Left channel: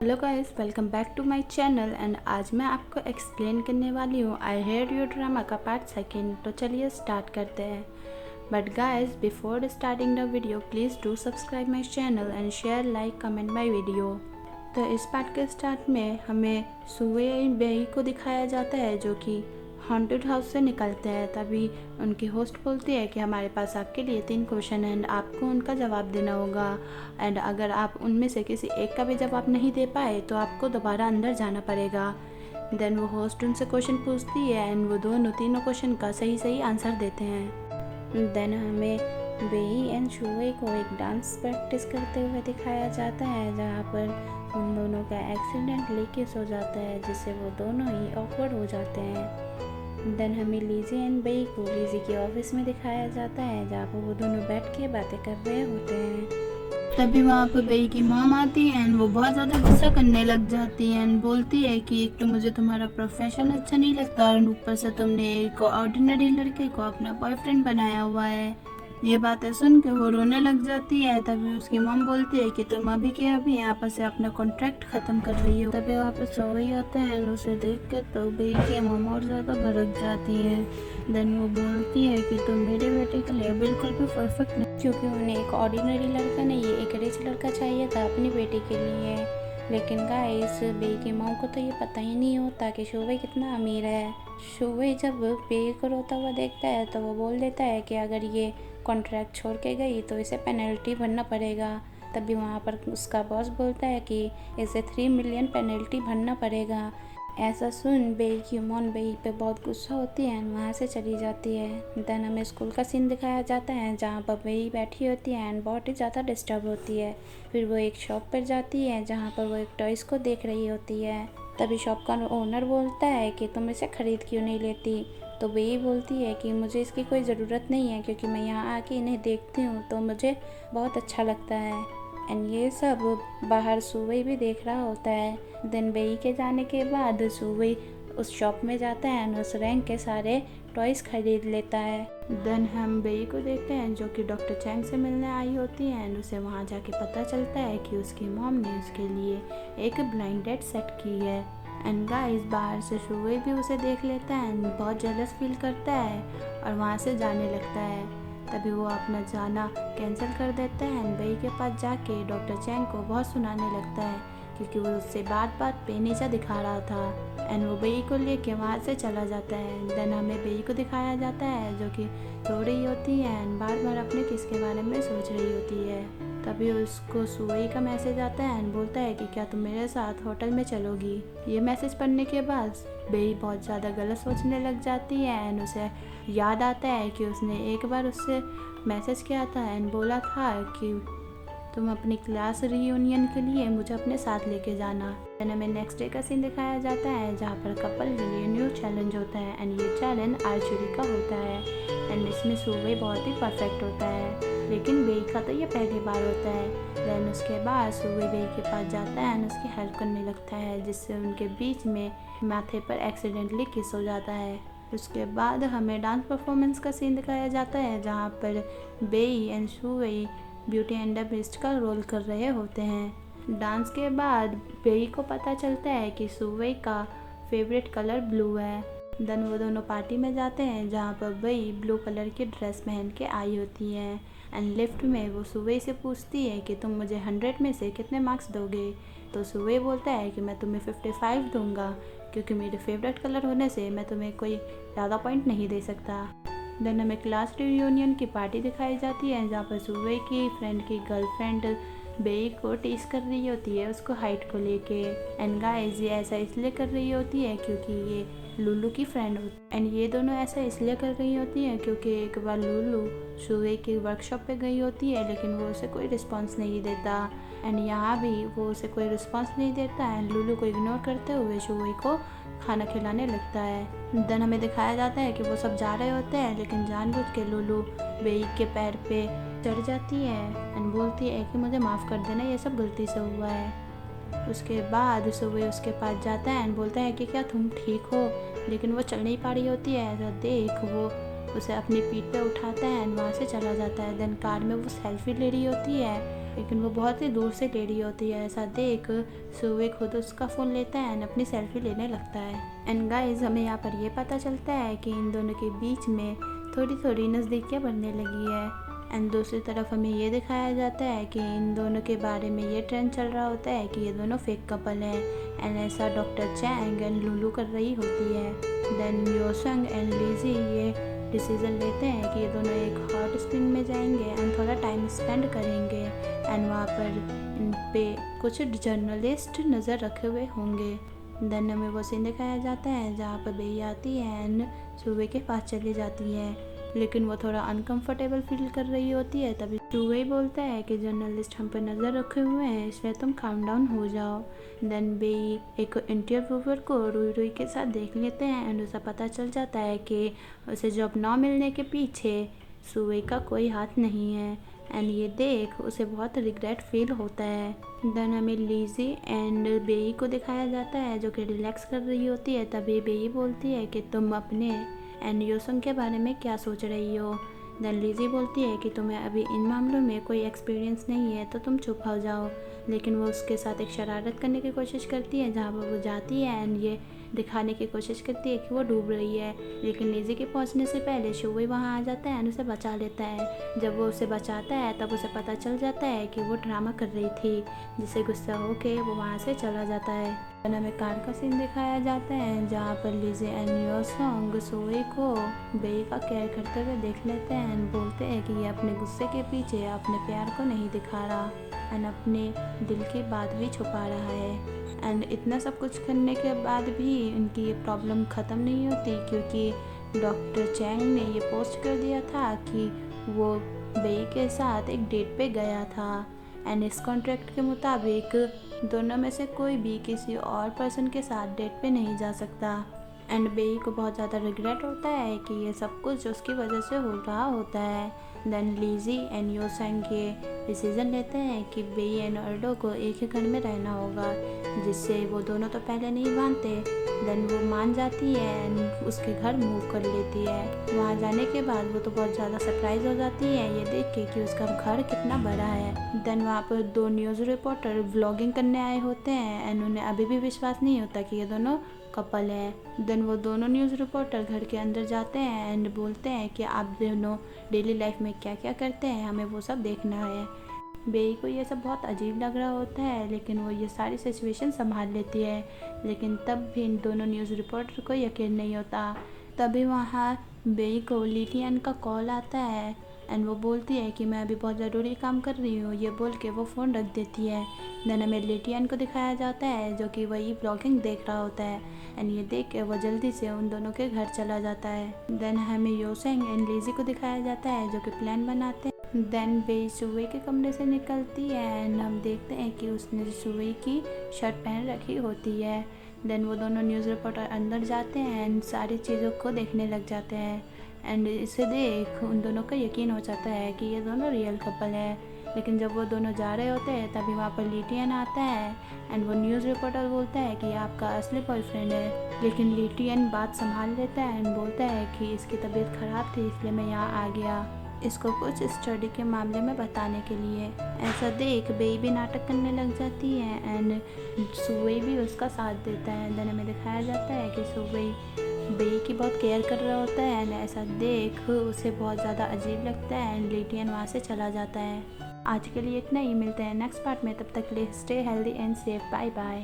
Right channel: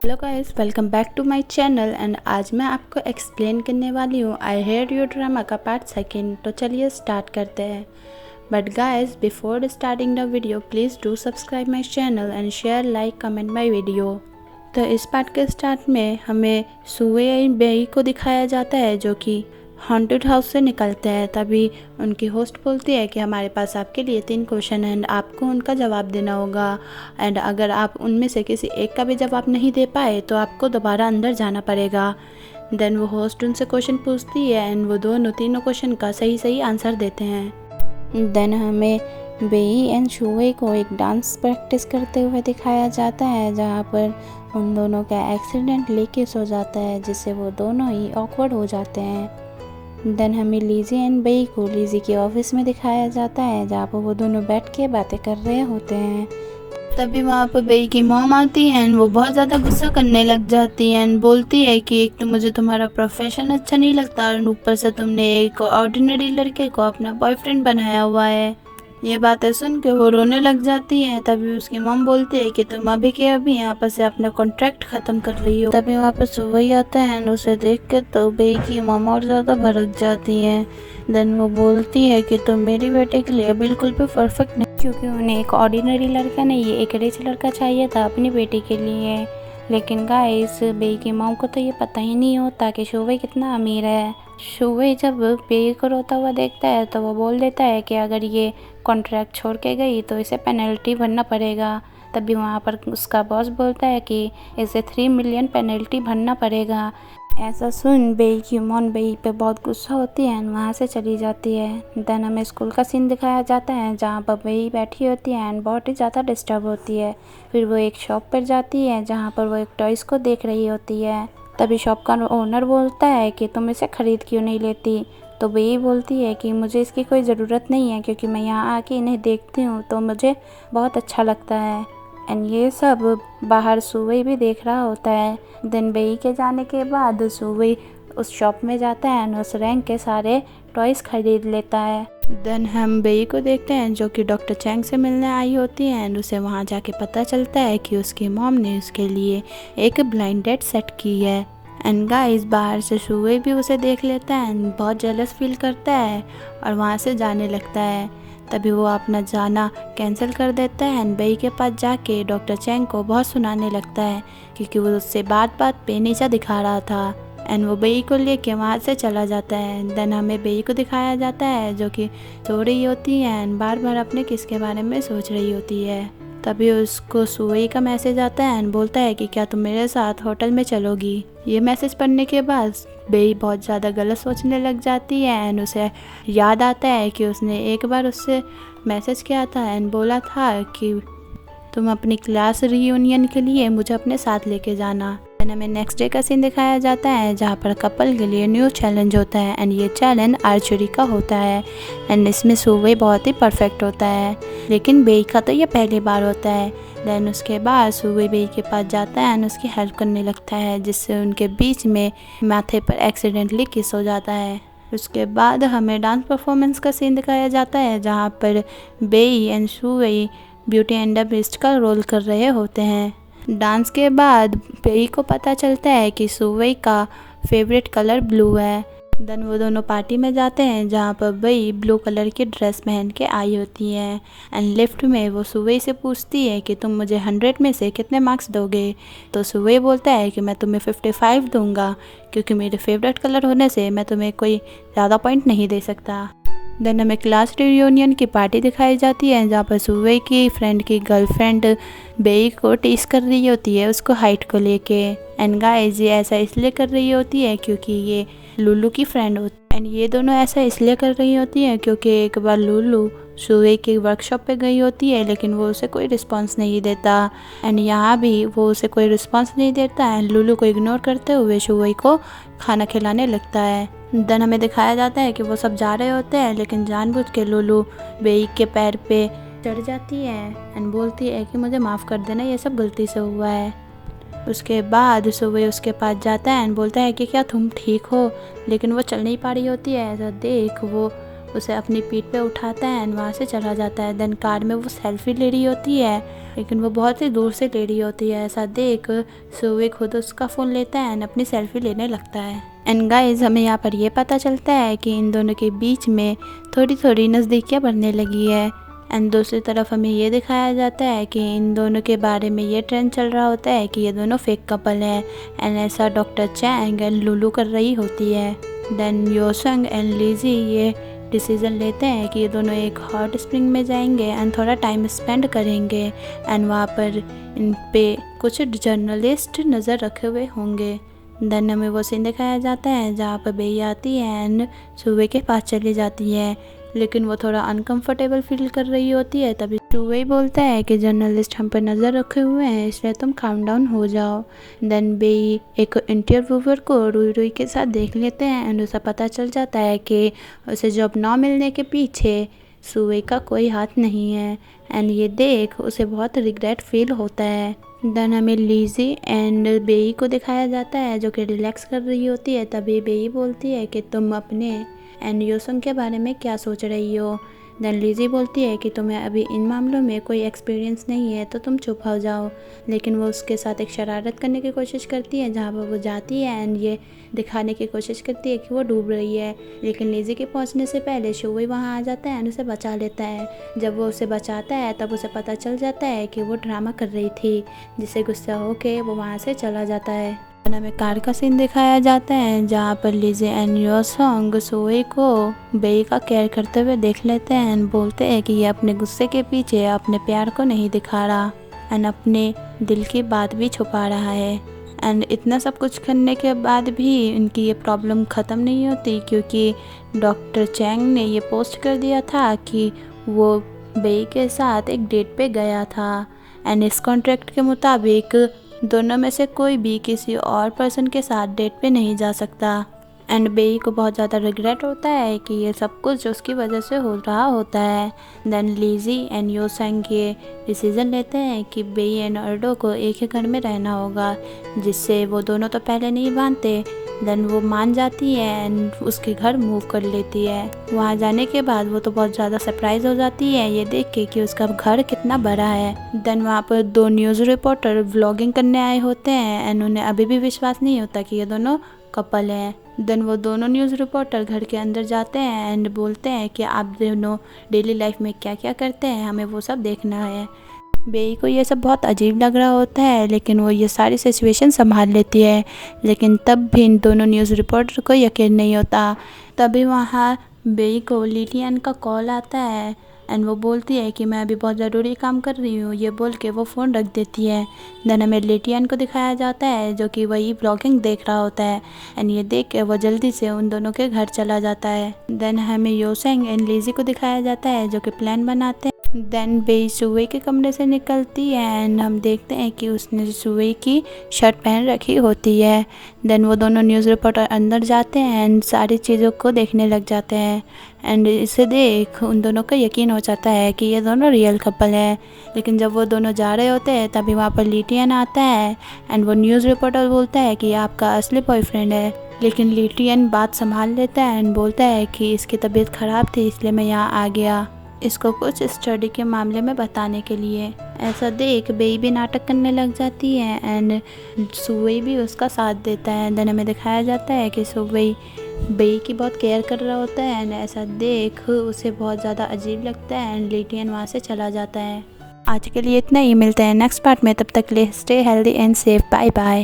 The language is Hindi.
Hello guys, welcome back to my channel and आज मैं आपको एक्सप्लेन करने वाली हूँ आई हेट यू ड्रामा का पार्ट सेकंड। तो चलिए स्टार्ट करते हैं। But guys, before starting the video please do subscribe my channel and share, like, comment my video. तो इस पार्ट के स्टार्ट में हमें सुवे बेई को दिखाया जाता है जो कि हॉन्टेड हाउस से निकलते हैं। तभी उनकी होस्ट बोलती है कि हमारे पास आपके लिए 3 क्वेश्चन हैं एंड आपको उनका जवाब देना होगा एंड अगर आप उनमें से किसी एक का भी जवाब नहीं दे पाए तो आपको दोबारा अंदर जाना पड़ेगा। देन वो होस्ट उनसे क्वेश्चन पूछती है एंड वो तीनों क्वेश्चन का सही आंसर देते हैं। देन हमें बेई एंड शुवे को एक डांस प्रैक्टिस करते हुए दिखाया जाता है जहाँ पर उन दोनों का एक्सीडेंटली किस हो जाता है जिससे वो दोनों ही ऑकवर्ड हो जाते हैं। देन हमें लीजी एंड बेई को लीजी के ऑफिस में दिखाया जाता है जहाँ पर वो दोनों बैठ के बातें कर रहे होते हैं। तभी वहाँ पर बेई की मॉम आती है एंड वो बहुत ज़्यादा गुस्सा करने लग जाती है एंड बोलती है कि एक तो मुझे तुम्हारा प्रोफेशन अच्छा नहीं लगता और ऊपर से तुमने एक ऑर्डिनरी लड़के को अपना बॉयफ्रेंड बनाया हुआ है। ये बातें सुन के वो रोने लग जाती है। तभी उसकी मॉम बोलती है कि तुम अभी के अभी यहाँ पर से अपना कॉन्ट्रैक्ट ख़त्म कर रही हो। तभी वहाँ पर सुवई आता है एंड उसे देख के तो बेई की मॉम और ज़्यादा भड़क जाती है। देन वो बोलती है कि तुम मेरे बेटे के लिए बिल्कुल भी परफेक्ट नहीं, क्योंकि उन्हें एक ऑर्डिनरी लड़का नहीं, ये एक रिच लड़का चाहिए था अपनी बेटी के लिए। लेकिन गाइस, बेई की मॉम को तो ये पता ही नहीं होता कि शुवे कितना अमीर है। शुवे जब बेई को रोता हुआ देखता है तो वो बोल देता है कि अगर ये कॉन्ट्रैक्ट छोड़ के गई तो इसे पेनल्टी भरना पड़ेगा। तभी वहाँ पर उसका बॉस बोलता है कि इसे 3 मिलियन पेनल्टी भरना पड़ेगा। ऐसा सुन बेई की मॉम बेई पे बहुत गुस्सा होती है एंड वहाँ से चली जाती है। देन हमें स्कूल का सीन दिखाया जाता है जहाँ पर बेई बैठी होती है एंड बहुत ही ज़्यादा डिस्टर्ब होती है। फिर वो एक शॉप पर जाती है जहाँ पर वो एक टॉयज़ को देख रही होती है। तभी शॉप का ओनर बोलता है कि तुम इसे ख़रीद क्यों नहीं लेती। तो बेई बोलती है कि मुझे इसकी कोई ज़रूरत नहीं है क्योंकि मैं यहाँ आके इन्हें देखती हूँ तो मुझे बहुत अच्छा लगता है। एंड ये सब बाहर सुवई भी देख रहा होता है। देन बेई के जाने के बाद सुवई उस शॉप में जाता है एंड उस रैंक के सारे टॉयज़ खरीद लेता है। देन हम बेई को देखते हैं जो कि डॉक्टर चैंग से मिलने आई होती है एंड उसे वहाँ जाके पता चलता है कि उसकी मॉम ने उसके लिए एक ब्लाइंड डेट सेट की है। एंड गाइस, बाहर से शुवे भी उसे देख लेता है एंड बहुत जेलस फील करता है और वहाँ से जाने लगता है। तभी वो अपना जाना कैंसिल कर देता है एंड बेई के पास जाके डॉक्टर चैंग को बहुत सुनाने लगता है क्योंकि वो उससे बात पे नीचा दिखा रहा था। एंड वो बेई को लेके वहाँ से चला जाता है। देन हमें बेई को दिखाया जाता है जो कि सो रही होती है एंड बार बार अपने किस के बारे में सोच रही होती है। तभी उसको सुवई का मैसेज आता है एंड बोलता है कि क्या तुम मेरे साथ होटल में चलोगी। ये मैसेज पढ़ने के बाद बेई बहुत ज़्यादा गलत सोचने लग जाती है एंड उसे याद आता है कि उसने एक बार उससे मैसेज किया था एंड बोला था कि तुम अपनी क्लास रीयूनियन के लिए मुझे अपने साथ लेके जाना। एंड हमें नेक्स्ट डे का सीन दिखाया जाता है जहाँ पर कपल के लिए न्यू चैलेंज होता है एंड ये चैलेंज आर्चरी का होता है एंड इसमें सुवे बहुत ही परफेक्ट होता है लेकिन बेई का तो ये पहली बार होता है। देन उसके बाद सुवे बेई के पास जाता है एंड उसकी हेल्प करने लगता है जिससे उनके बीच में माथे पर एक्सीडेंटली किस हो जाता है। उसके बाद हमें डांस परफॉर्मेंस का सीन दिखाया जाता है जहाँ पर बेई एंड सुवे ब्यूटी एंड द बीस्ट का रोल कर रहे होते हैं। डांस के बाद बेई को पता चलता है कि सुवे का फेवरेट कलर ब्लू है। देन वो दोनों पार्टी में जाते हैं जहाँ पर बेई ब्लू कलर की ड्रेस पहन के आई होती है एंड लिफ्ट में वो सुवे से पूछती है कि तुम मुझे 100 में से कितने मार्क्स दोगे। तो सुवे बोलता है कि मैं तुम्हें 55 दूंगा क्योंकि मेरे फेवरेट कलर होने से मैं तुम्हें कोई ज़्यादा पॉइंट नहीं दे सकता। देन हमें क्लास रियूनियन की पार्टी दिखाई जाती है जहाँ पर सुवे की फ्रेंड की गर्लफ्रेंड बेई को टीस कर रही होती है उसको हाइट को लेके। एंड गाइस, ये ऐसा इसलिए कर रही होती है क्योंकि ये लुलू की फ्रेंड होती है एंड ये दोनों ऐसा इसलिए कर रही होती हैं क्योंकि एक बार लुलू सुवे की वर्कशॉप पे गई होती है लेकिन वो उसे कोई रिस्पांस नहीं देता एंड यहाँ भी वो उसे कोई रिस्पांस नहीं देता एंड लुलू को इग्नोर करते हुए सुवे को खाना खिलाने लगता है। देन हमें दिखाया जाता है कि वो सब जा रहे होते हैं लेकिन जानबूझ के लुलू बेई के पैर पे चढ़ जाती है एंड बोलती है कि मुझे माफ़ कर देना, ये सब गलती से हुआ है। उसके बाद सुवे उसके पास जाता है एंड बोलता है कि क्या तुम ठीक हो, लेकिन वो चल नहीं पा रही होती है। ऐसा देख वो उसे अपनी पीठ पे उठाता है एंड वहाँ से चला जाता है। देन कार में वो सेल्फी ले रही होती है लेकिन वो बहुत ही दूर से ले रही होती है। ऐसा देख सुवे खुद उसका फ़ोन लेता है एंड अपनी सेल्फी लेने लगता है। एंड गाइस हमें यहाँ पर ये पता चलता है कि इन दोनों के बीच में थोड़ी थोड़ी नज़दीकियाँ बढ़ने लगी है। एंड दूसरी तरफ हमें ये दिखाया जाता है कि इन दोनों के बारे में ये ट्रेंड चल रहा होता है कि ये दोनों फेक कपल हैं। एंड ऐसा डॉक्टर चैंग एंड लुलू कर रही होती है। देन योसंग एंड लीजी ये डिसीज़न लेते हैं कि ये दोनों एक हॉट स्प्रिंग में जाएंगे एंड थोड़ा टाइम स्पेंड करेंगे। एंड वहाँ पर इन पे कुछ जर्नलिस्ट नज़र रखे हुए होंगे। देन हमें वो सीन दिखाया जाता है जहाँ पर बेई आती है एंड सुवे के पास चली जाती है, लेकिन वो थोड़ा अनकंफर्टेबल फील कर रही होती है। तभी सुवे बोलता है कि जर्नलिस्ट हम पर नज़र रखे हुए हैं, इसलिए तुम काम डाउन हो जाओ। देन बेई एक इंटरव्यूअर को रुई रुई के साथ देख लेते हैं एंड उसे पता चल जाता है कि उसे जॉब ना मिलने के पीछे सुवे का कोई हाथ नहीं है। एंड ये देख उसे बहुत रिग्रेट फील होता है। देन हमें लीजी एंड बेई को दिखाया जाता है जो कि रिलैक्स कर रही होती है। तभी बेई बोलती है कि तुम अपने एंड योसंग के बारे में क्या सोच रही हो। देन लीजी बोलती है कि तुम्हें अभी इन मामलों में कोई एक्सपीरियंस नहीं है तो तुम चुप हो जाओ। लेकिन वो उसके साथ एक शरारत करने की कोशिश करती है जहाँ पर वो जाती है एंड ये दिखाने की कोशिश करती है कि वो डूब रही है। लेकिन लीजी के पहुँचने से पहले शुवे वहाँ आ जाता है एंड उसे बचा लेता है। जब वो उसे बचाता है तब उसे पता चल जाता है कि वो ड्रामा कर रही थी, जिससे गुस्सा होके वो वहाँ से चला जाता है। हमें कार का सीन दिखाया जाता है जहाँ पर लीजी एंड योसंग सुवे को बेई का केयर करते हुए देख लेते हैं एंड बोलते हैं कि ये अपने गुस्से के पीछे अपने प्यार को नहीं दिखा रहा एंड अपने दिल की बात भी छुपा रहा है। एंड इतना सब कुछ करने के बाद भी इनकी ये प्रॉब्लम ख़त्म नहीं होती, क्योंकि डॉक्टर चैंग ने ये पोस्ट कर दिया था कि वो बेई के साथ एक डेट पे गया था। एंड इस कॉन्ट्रैक्ट के मुताबिक दोनों में से कोई भी किसी और पर्सन के साथ डेट पे नहीं जा सकता। एंड बेई को बहुत ज़्यादा रिग्रेट होता है कि ये सब कुछ उसकी वजह से हो रहा होता है। देन लीजी एंड योसंग ये डिसीज़न लेते हैं कि बेई एंड अर्डो को एक ही घर में रहना होगा, जिससे वो दोनों तो पहले नहीं मानते। देन वो मान जाती है एंड उसके घर मूव कर लेती है। वहाँ जाने के बाद वो तो बहुत ज़्यादा सरप्राइज हो जाती है ये देख के कि उसका घर कितना बड़ा है। देन वहाँ पर 2 न्यूज़ रिपोर्टर व्लॉगिंग करने आए होते हैं एंड उन्हें अभी भी विश्वास नहीं होता कि ये दोनों कपल हैं। देन वो दोनों न्यूज़ रिपोर्टर घर के अंदर जाते हैं एंड बोलते हैं कि आप दोनों डेली लाइफ में क्या क्या करते हैं, हमें वो सब देखना है। बेई को ये सब बहुत अजीब लग रहा होता है, लेकिन वो ये सारी सिचुएशन संभाल लेती है। लेकिन तब भी इन दोनों न्यूज़ रिपोर्टर को यकीन नहीं होता। तभी वहाँ बेई को लिलियन का कॉल आता है एंड वो बोलती है कि मैं अभी बहुत ज़रूरी काम कर रही हूँ। ये बोल के वो फ़ोन रख देती है। देन हमें लिलियन को दिखाया जाता है जो कि वही ब्लॉगिंग देख रहा होता है एंड ये देख के वो जल्दी से उन दोनों के घर चला जाता है। देन हमें योसेंग एंड लीजी को दिखाया जाता है जो कि प्लान बनाते हैं। देन बेई सुवे के कमरे से निकलती है एंड हम देखते हैं कि उसने सुवे की शर्ट पहन रखी होती है। देन वो दोनों न्यूज़ रिपोर्टर अंदर जाते हैं एंड सारी चीज़ों को देखने लग जाते हैं एंड इसे देख उन दोनों को यकीन हो जाता है कि ये दोनों रियल कपल हैं। लेकिन जब वो दोनों जा रहे होते हैं तभी वहाँ पर लिटियन आता है एंड वो न्यूज़ रिपोर्टर बोलता है कि ये आपका असली बॉयफ्रेंड है। लेकिन लिटियन बात संभाल लेता है एंड बोलता है कि इसकी तबीयत ख़राब थी इसलिए मैं यहाँ आ गया, इसको कुछ स्टडी के मामले में बताने के लिए। ऐसा देख बेई भी नाटक करने लग जाती है एंड सुवे भी उसका साथ देता है। देन हमें दिखाया जाता है कि सुवे बेई की बहुत केयर कर रहा होता है एंड ऐसा देख उसे बहुत ज़्यादा अजीब लगता है एंड लिटियन वहाँ से चला जाता है। आज के लिए इतना ही, मिलते हैं नेक्स्ट पार्ट में, तब तक के लिए stay healthy and safe, bye bye.